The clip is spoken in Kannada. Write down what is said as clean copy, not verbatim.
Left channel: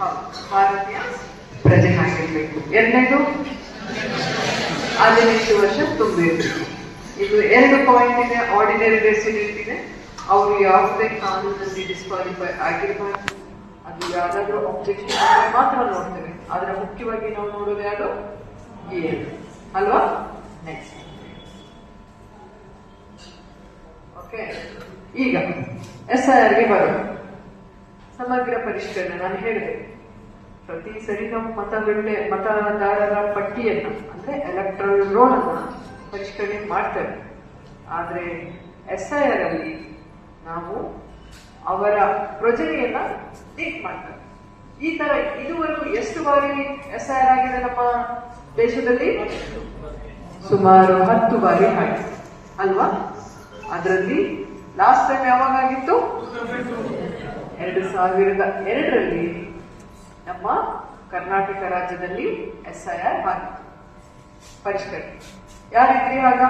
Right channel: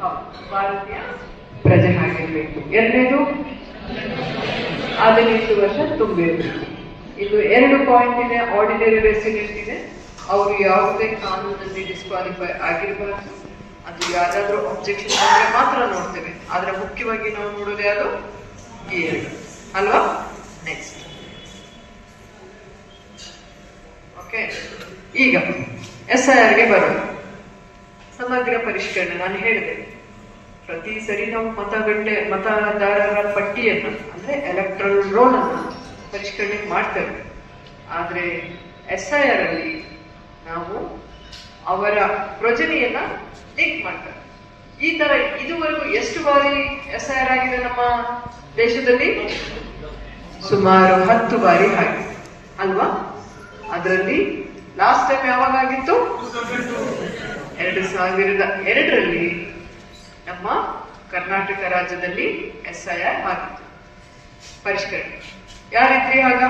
ಭಾರತೀಯ ಪ್ರಜೆ ಆಗಿರ್ಬೇಕು. ಎರಡನೇದು 18 ವರ್ಷ ತುಂಬಿರ್ಬೇಕು. ಇದು 2 ಪಾಯಿಂಟ್ ಇದೆ. ಆರ್ಡಿನರಿ ರೆಸಿಡೆಂಟ್ ಇದೆ, ಅವರು ಯಾವುದೇ ಕಾನೂನಲ್ಲಿ ಡಿಸ್ಕ್ವಾಲಿಫೈ ಆಗಿರಬಾರ್ದು. ಅದು ಯಾರಾದ್ರೂ ಅಬ್ಜೆಕ್ಷನ್ ಆದ್ರೆ ಮಾತ್ರ ನೋಡ್ತೇವೆ. ಆದ್ರೆ ಮುಖ್ಯವಾಗಿ ನಾವು ನೋಡೋದು ಯಾವುದು? ಈ 2 ಅಲ್ವಾ? Next okay. ಈಗ SIR ಗೆ ಬರೋದು. ಸಮಗ್ರ ಪರಿಷ್ಕರಣೆ. ನಾನು ಹೇಳಿದೆ, ಪ್ರತಿ ಸರಿ ನಾವು ಮತದಾರರ ಪಟ್ಟಿಯನ್ನ ಅಂದ್ರೆ ಎಲೆಕ್ಟ್ರಲ್ ರೋಲ್ ಅನ್ನ ಪರಿಷ್ಕರಣೆ ಮಾಡ್ತೇವೆ. ಆದ್ರೆ SIR ಅಲ್ಲಿ ನಾವು ಅವರ ಪ್ರೊಜನೆಯನ್ನ ಲಿಂಕ್ ಮಾಡ್ತೇವೆ. ಈ ತರ ಇದುವರೆಗೂ ಎಷ್ಟು ಬಾರಿ SIR ಆಗಿದೆ ನಮ್ಮ ದೇಶದಲ್ಲಿ? ಸುಮಾರು 10 ಬಾರಿ ಆಗಿದೆ ಅಲ್ವಾ? ಅದರಲ್ಲಿ ಲಾಸ್ಟ್ ಟೈಮ್ ಯಾವಾಗ ಆಗಿತ್ತು? 2002ರಲ್ಲಿ ನಮ್ಮ ಕರ್ನಾಟಕ ರಾಜ್ಯದಲ್ಲಿ SIR ಆಗಿತ್ತು ಪರಿಷ್ಕರಣೆ. ಯಾರಿದ್ರಿ ಆಗ?